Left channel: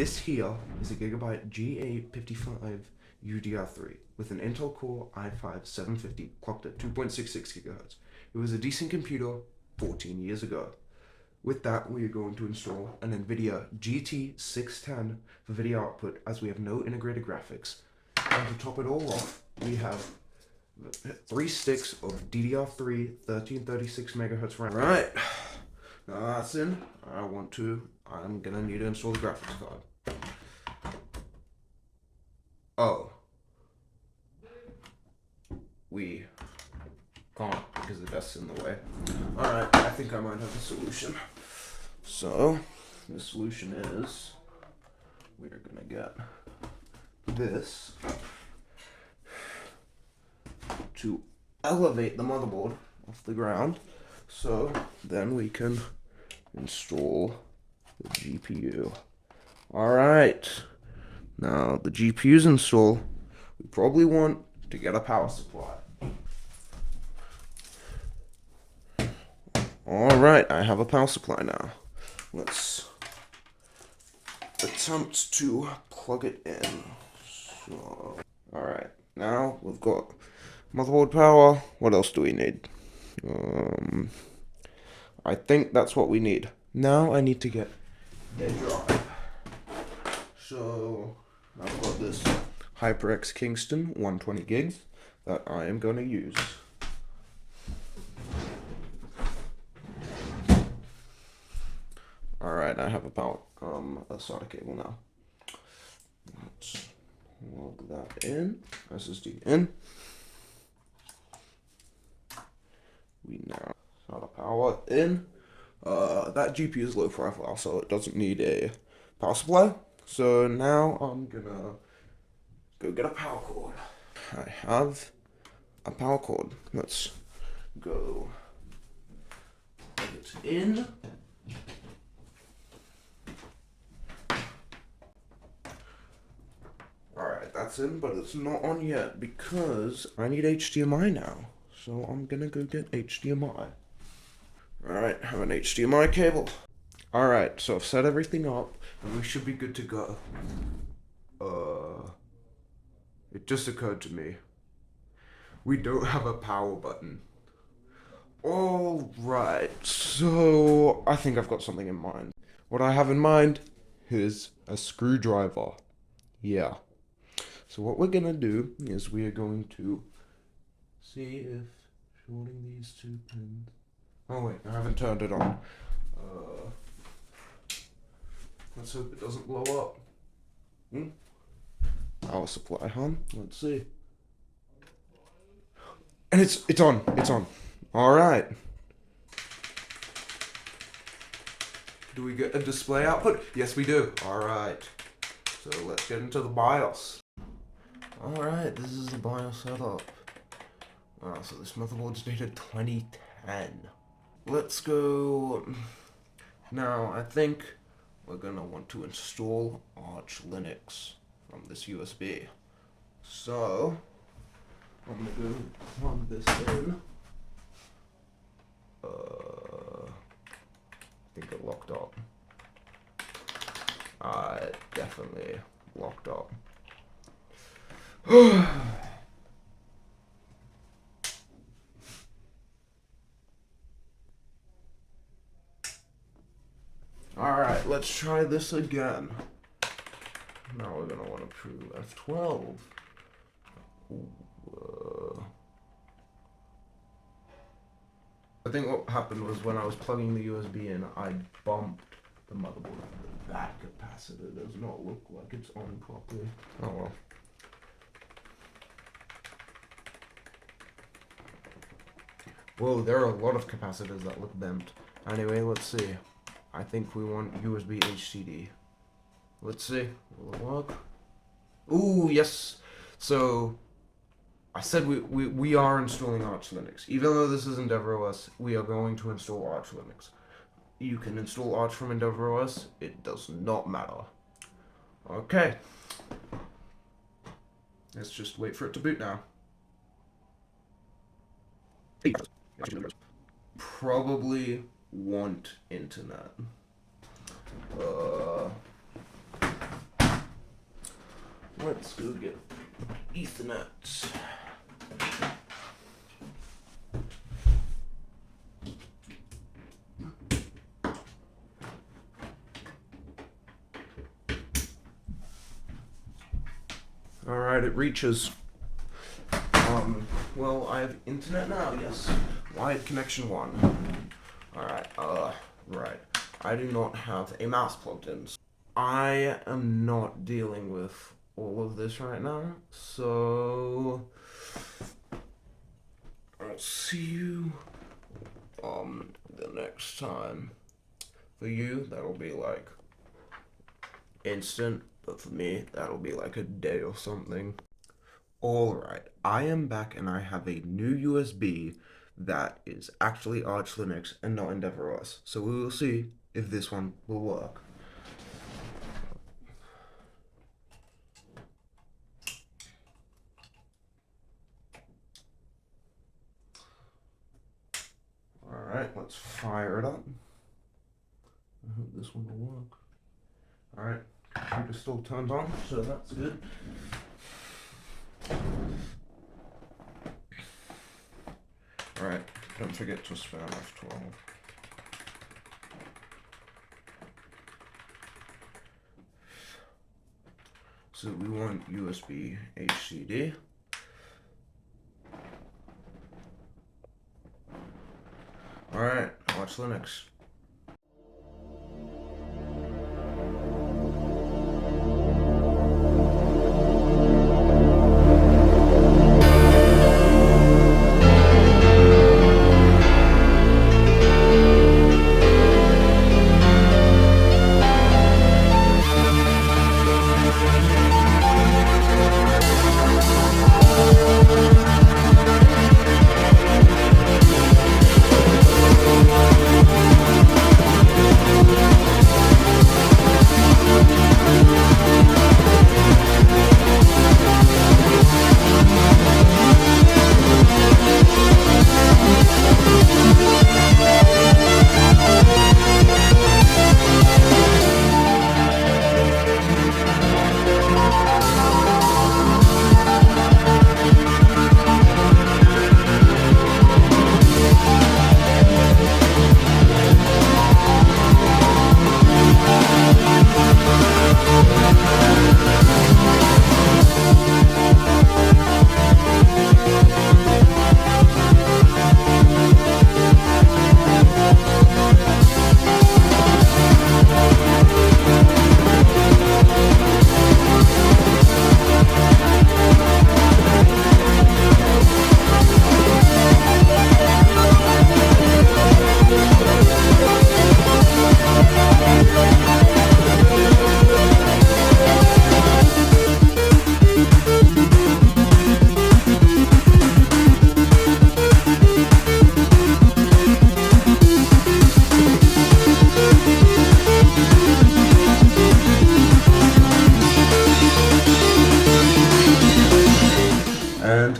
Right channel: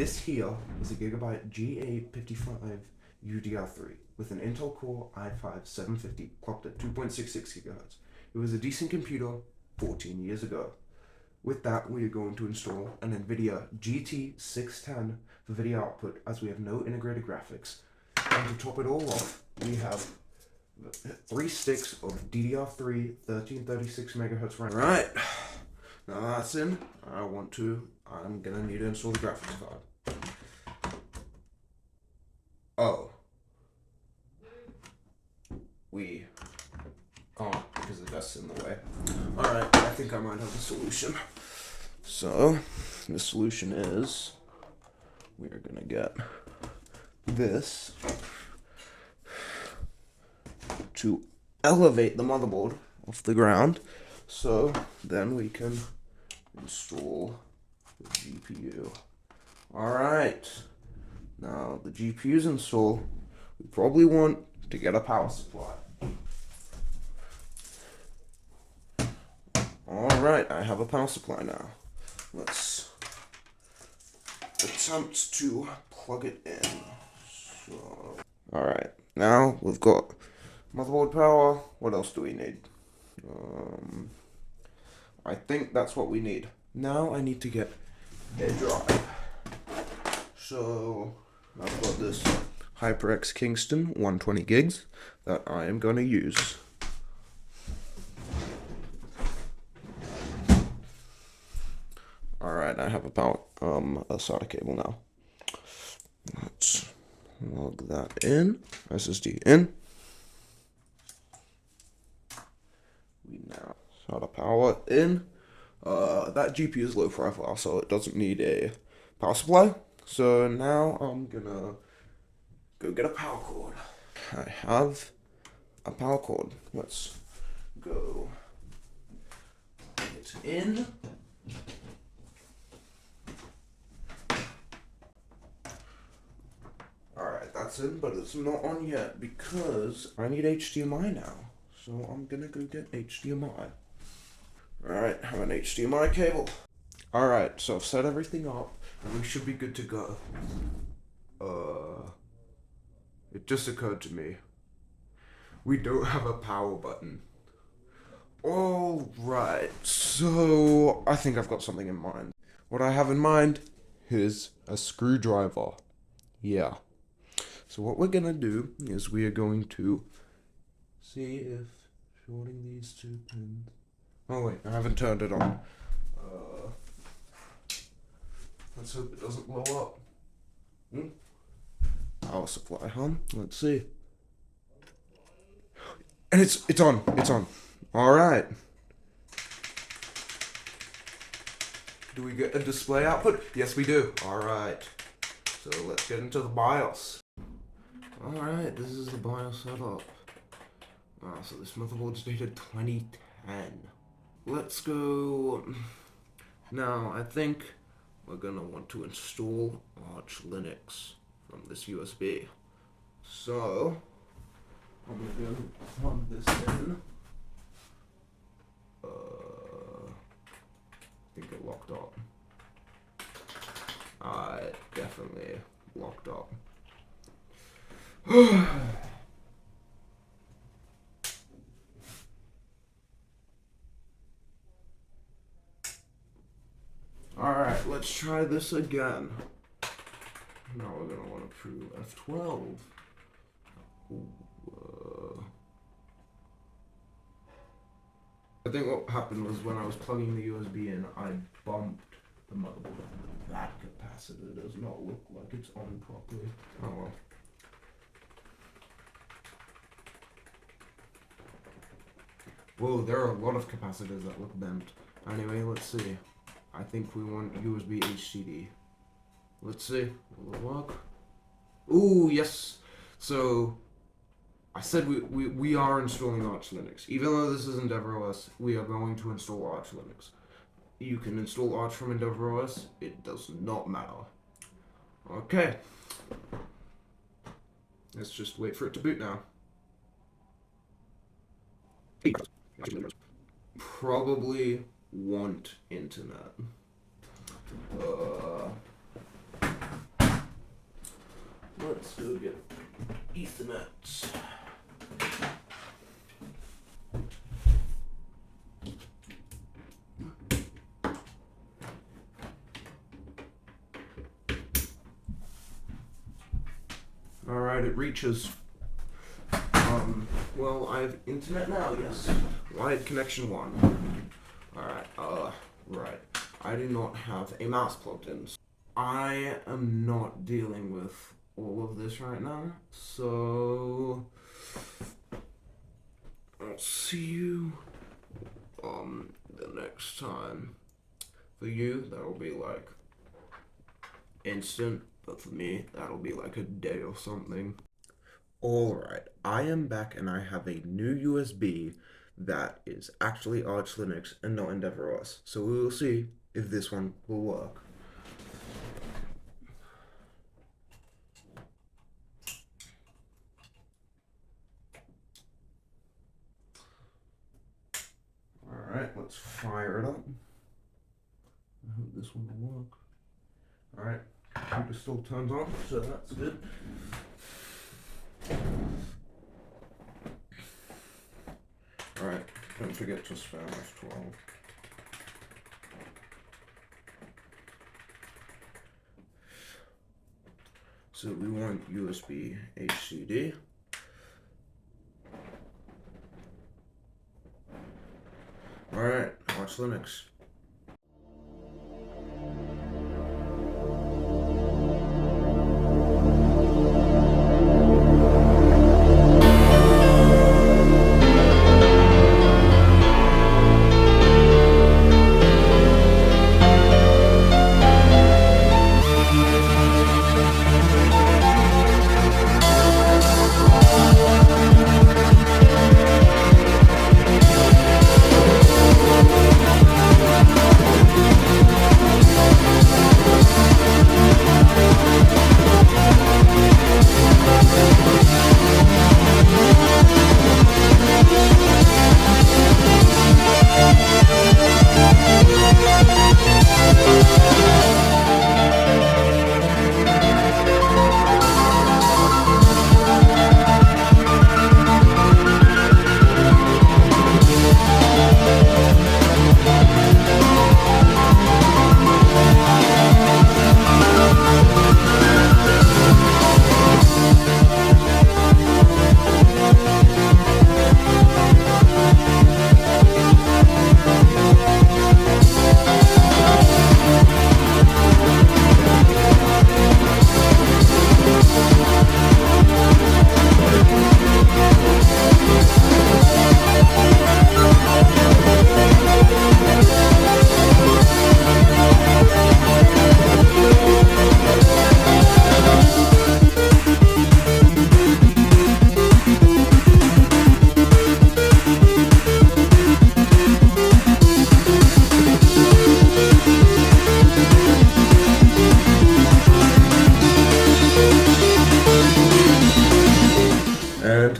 This here is a GIGABYTE G855 UDR3 with an Intel Core i5 750 clocked at 2.66 GHz. It was a decent computer 14 years ago. With that, we are going to install an Nvidia GT 610 for video output, as we have no integrated graphics. And to top it all off, we have 3 sticks of DDR3 1336 MHz RAM. Right, now that's in. I'm gonna need to install the graphics card. Oh, we can't because the desk's in the way. Alright, I think I might have a solution. So, the solution is, we're gonna get this to elevate the motherboard off the ground, so then we can install the GPU. Alright, now the GPU's installed, we probably want to get a power supply. Alright, I have a power supply now. Let's attempt to plug it in. So, alright, now we've got motherboard power. What else do we need? I think that's what we need. Now I need to get a drive. So I've got this HyperX Kingston 120 gigs that I am going to use. Alright, I have a SATA cable now. Let's plug that in. SSD in. We now SATA power in. That GPU is low profile, so it doesn't need a power supply. So now I'm gonna go get a power cord. I have a power cord. Let's go put it in. Alright, that's in, but it's not on yet because I need HDMI now. So I'm gonna go get HDMI. Alright, I have an HDMI cable. Alright, so I've set everything up and we should be good to go. It just occurred to me, we don't have a power button. Alright, so I think I've got something in mind. What I have in mind is a screwdriver. Yeah. So what we're gonna do is we are going to see if shorting these 2 pins. Oh wait, I haven't turned it on. Let's hope it doesn't blow up. Power supply, huh? Let's see. And it's on. It's on. All right. Do we get a display output? Yes, we do. All right. So let's get into the BIOS. All right, this is the BIOS setup. Wow, so this motherboard's dated 2010. Let's go. Now, I think we're gonna want to install Arch Linux from this USB. So, I'm gonna go plug this in. I think it locked up. It definitely locked up. Alright, let's try this again. Now we're going to want to prove F12. I think what happened was when I was plugging the USB in, I bumped the motherboard. That capacitor does not look like it's on properly. Oh well. Whoa, there are a lot of capacitors that look bent. Anyway, let's see. I think we want USB HDD. Let's see. Will it work? Ooh, yes. So, I said we are installing Arch Linux. Even though this is EndeavourOS, we are going to install Arch Linux. You can install Arch from EndeavourOS. It does not matter. Okay. Let's just wait for it to boot now. Probably want internet. let's go get Ethernet. Alright, it reaches. Well, I have internet now, yes. Wired connection 1. Alright, right. I do not have a mouse plugged in. I am not dealing with all of this right now, so I'll see you the next time. For you, that'll be like instant, but for me, that'll be like a day or something. Alright, I am back and I have a new USB that is actually Arch Linux and not EndeavourOS. So we will see if this one will work. Alright, let's fire it up. I hope this one will work. Alright, computer still turned on, so that's good. Alright, don't forget to spin off 12. So we want USB HDD. Alright, Arch Linux.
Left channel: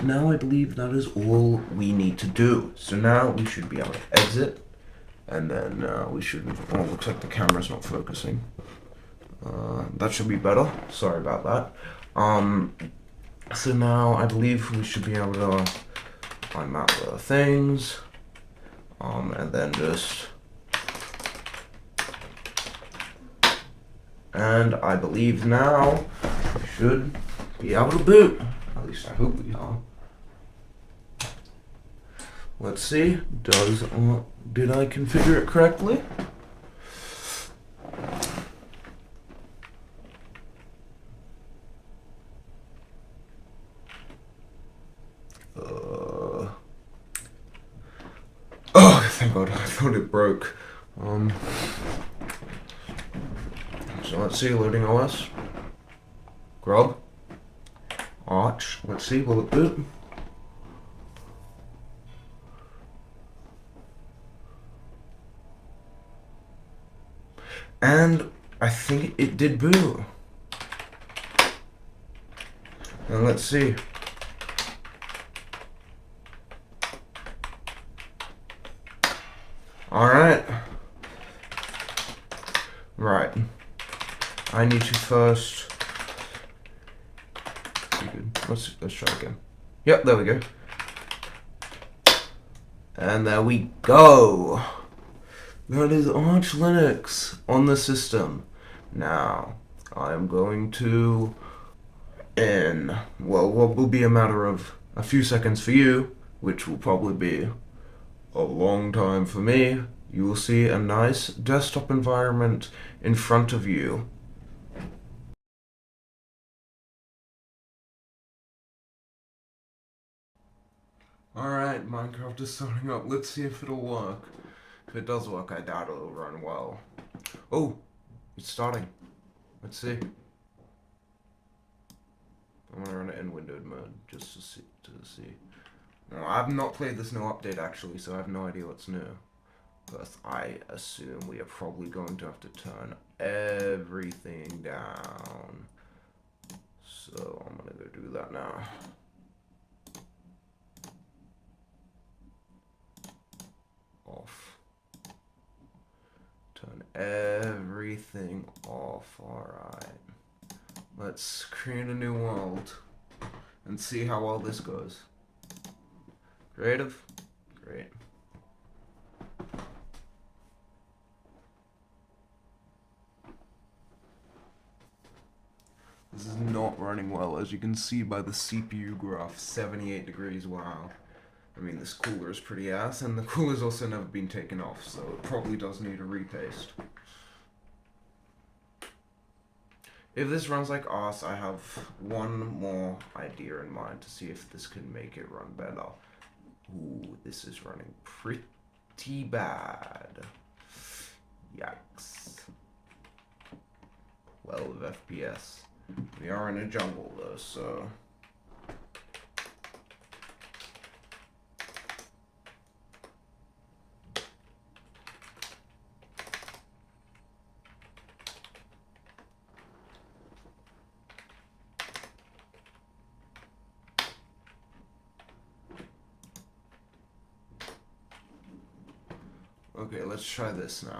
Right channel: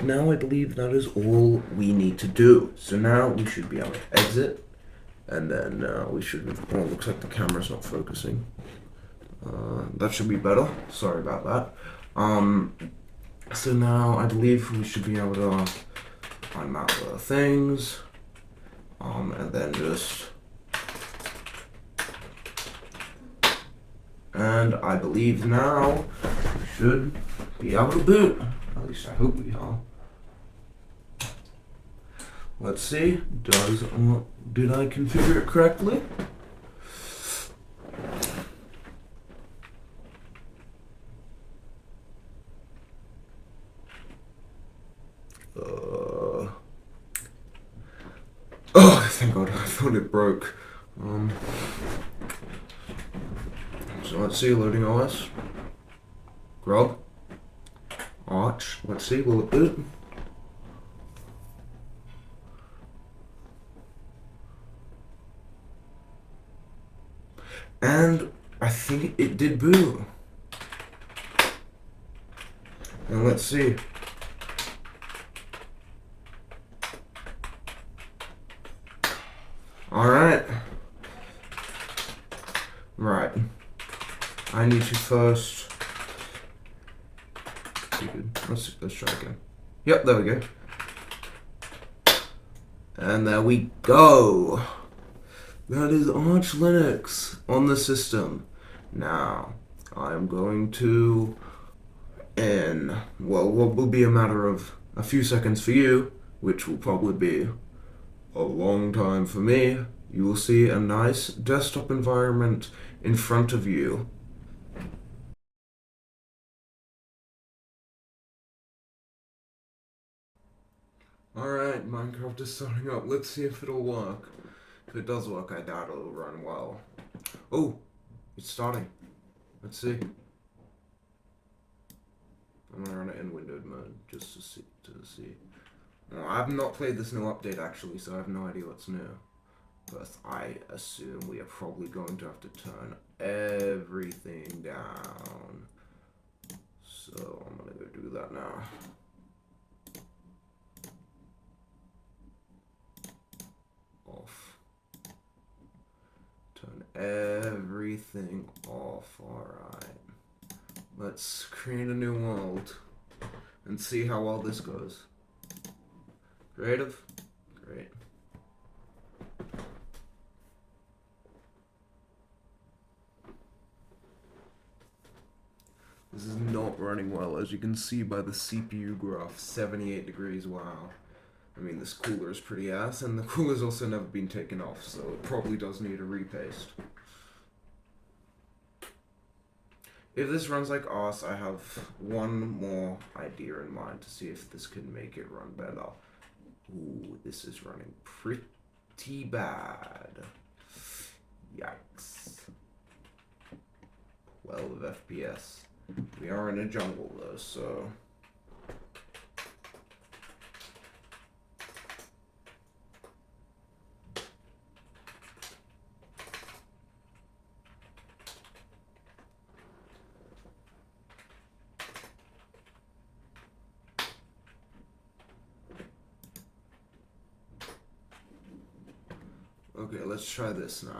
Now I believe that is all we need to do. So now we should be able to exit, and then we should, oh, looks like the camera's not focusing. That should be better, sorry about that. So now I believe we should be able to climb out the things, and then just, and I believe now we should be able to boot. At least I hope we are. Let's see, did I configure it correctly? Oh, thank God, I thought it broke. So let's see, loading OS. Grub. Arch, let's see, will it boot? And I think it did boot. Now let's see. Alright. Right. I need to first Let's try again. Yep, there we go. And there we go. That is Arch Linux on the system. Now, I'm going to, in, well, what will be a matter of a few seconds for you, which will probably be a long time for me, you will see a nice desktop environment in front of you. Alright, Minecraft is starting up. Let's see if it'll work. If it does work, I doubt it'll run well. Oh, it's starting. Let's see. I'm gonna run it in windowed mode just to see. Well, I've not played this new update actually, so I have no idea what's new. But I assume we are probably going to have to turn everything down. So I'm gonna go do that now. Off. Turn everything off. Alright. Let's create a new world and see how well this goes. Creative? Great. This is not running well, as you can see by the CPU graph, 78 degrees, wow. I mean, this cooler is pretty ass, and the cooler's also never been taken off, so it probably does need a repaste. If this runs like ass, I have one more idea in mind to see if this can make it run better. Ooh, this is running pretty bad. Yikes. 12 FPS. We are in a jungle though, so... Okay, let's try this now.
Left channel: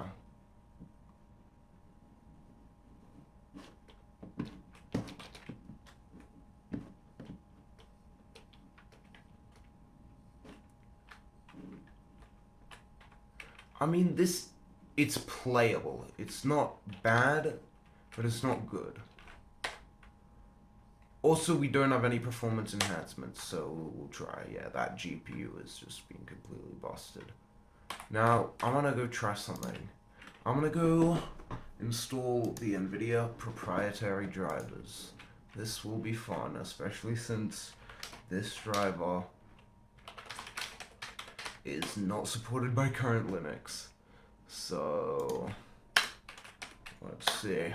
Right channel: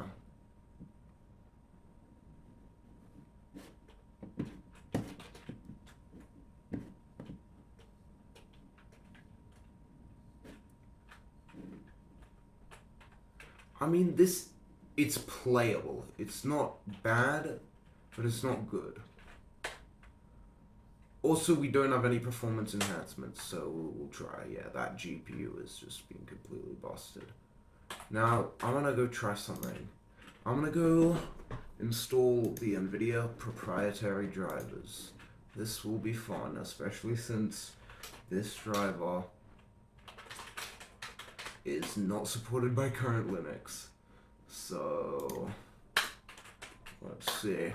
I mean, it's playable. It's not bad, but it's not good. Also, we don't have any performance enhancements, so we'll try. Yeah, that GPU is just being completely busted. Now, I want to go try something. I'm going to go install the Nvidia proprietary drivers. This will be fun, especially since this driver is not supported by current Linux. So, let's see.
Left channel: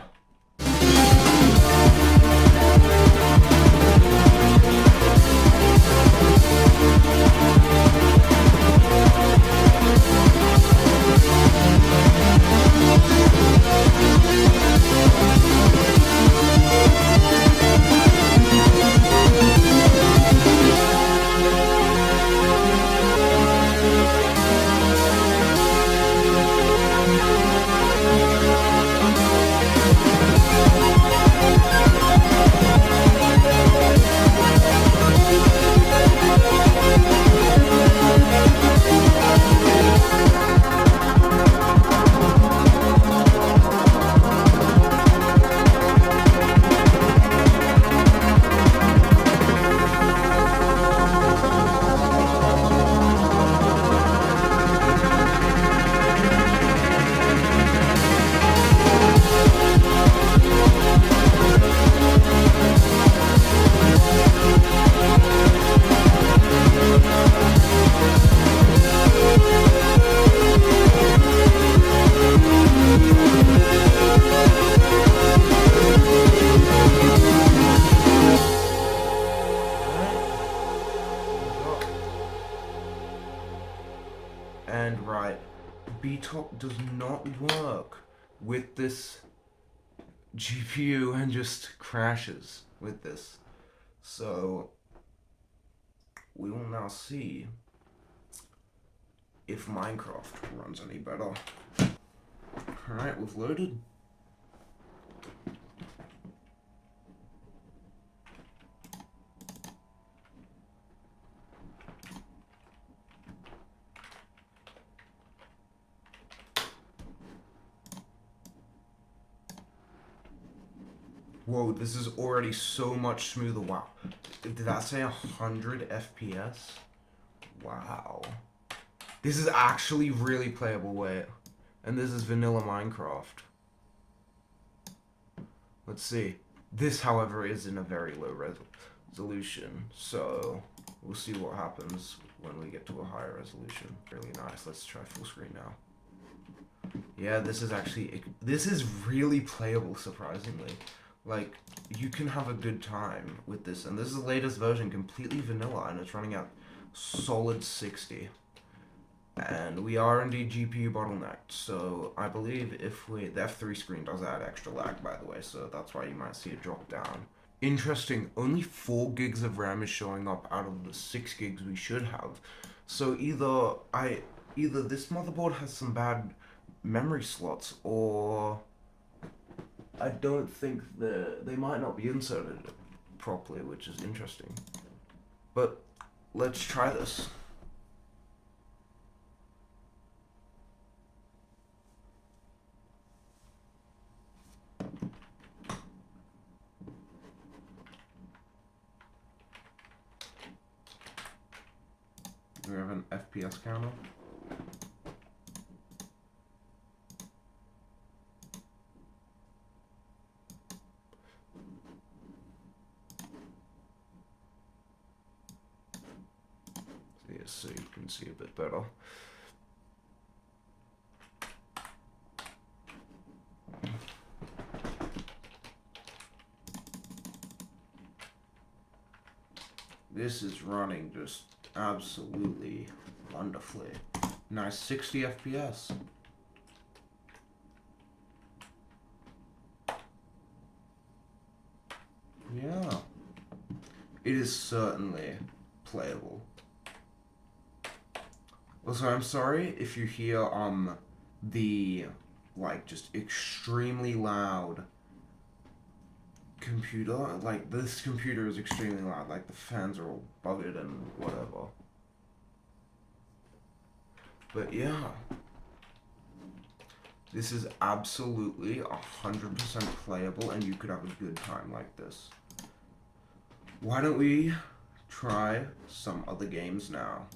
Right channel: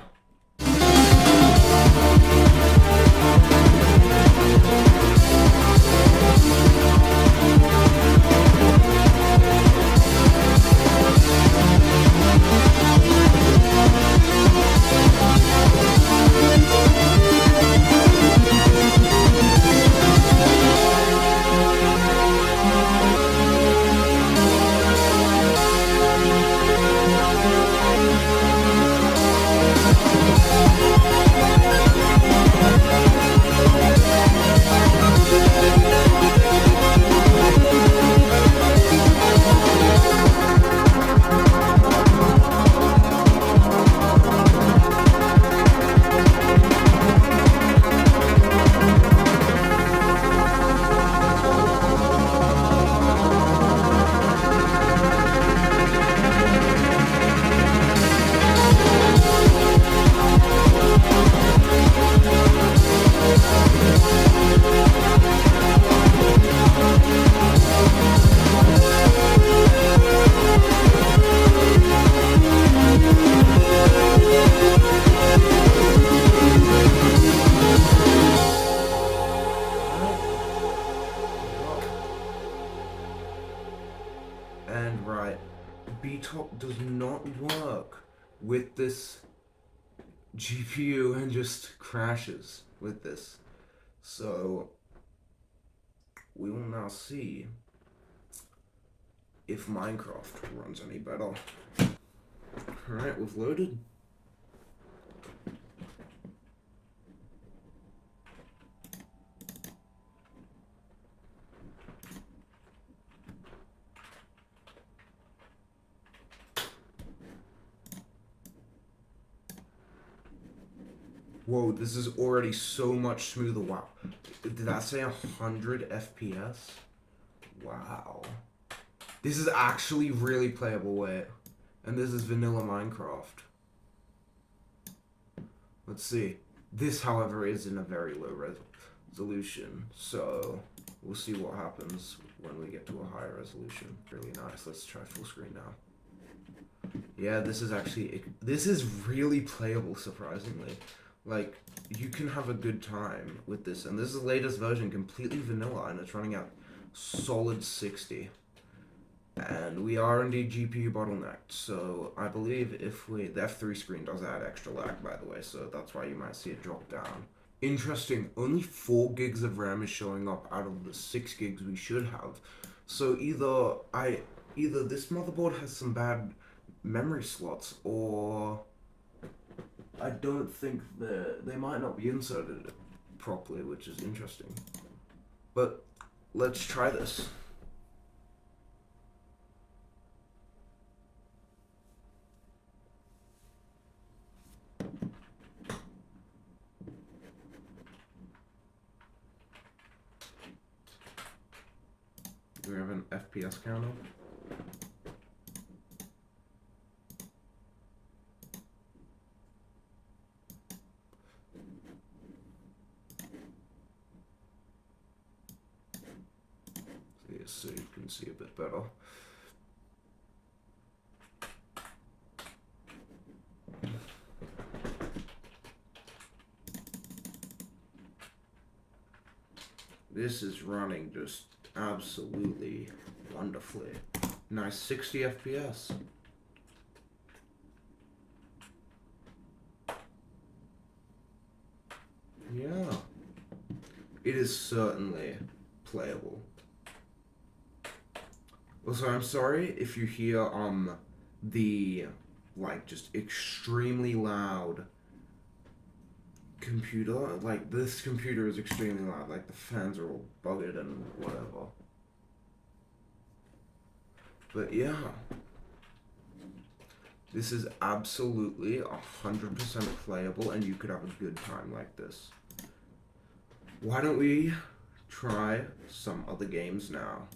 And right, BTOP does not work with this GPU and just crashes with this. So we will now see if Minecraft runs any better. Alright, we've loaded. Whoa, this is already so much smoother. Wow. Did that say 100 FPS? Wow. This is actually really playable, wait. And this is vanilla Minecraft. Let's see. This, however, is in a very low resolution, so we'll see what happens when we get to a higher resolution. Really nice. Let's try full screen now. Yeah, this is really playable, surprisingly. Like, you can have a good time with this, and this is the latest version, completely vanilla, and it's running at solid 60. And we are indeed GPU bottlenecked, so I believe the F3 screen does add extra lag, by the way, so that's why you might see it drop down. Interesting, only 4 gigs of RAM is showing up out of the 6 gigs we should have. So either this motherboard has some bad memory slots, or I don't think they might not be inserted properly, which is interesting. But let's try this. We have an FPS counter. So you can see a bit better. This is running just absolutely wonderfully. Nice 60 FPS. Yeah. It is certainly playable. Also, I'm sorry if you hear the just extremely loud computer. Like, this computer is extremely loud. Like, the fans are all buggered and whatever. But yeah, this is absolutely 100% playable, and you could have a good time like this. Why don't we try some other games now?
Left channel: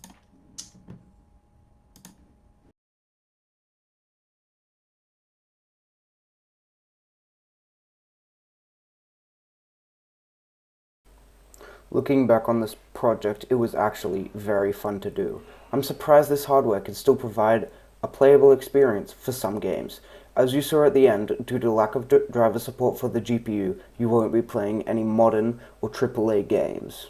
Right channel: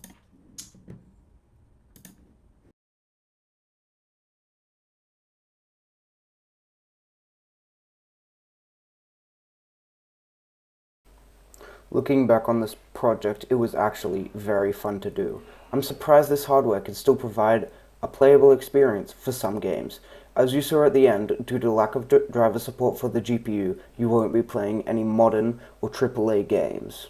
Looking back on this project, it was actually very fun to do. I'm surprised this hardware can still provide a playable experience for some games. As you saw at the end, due to lack of driver support for the GPU, you won't be playing any modern or AAA games.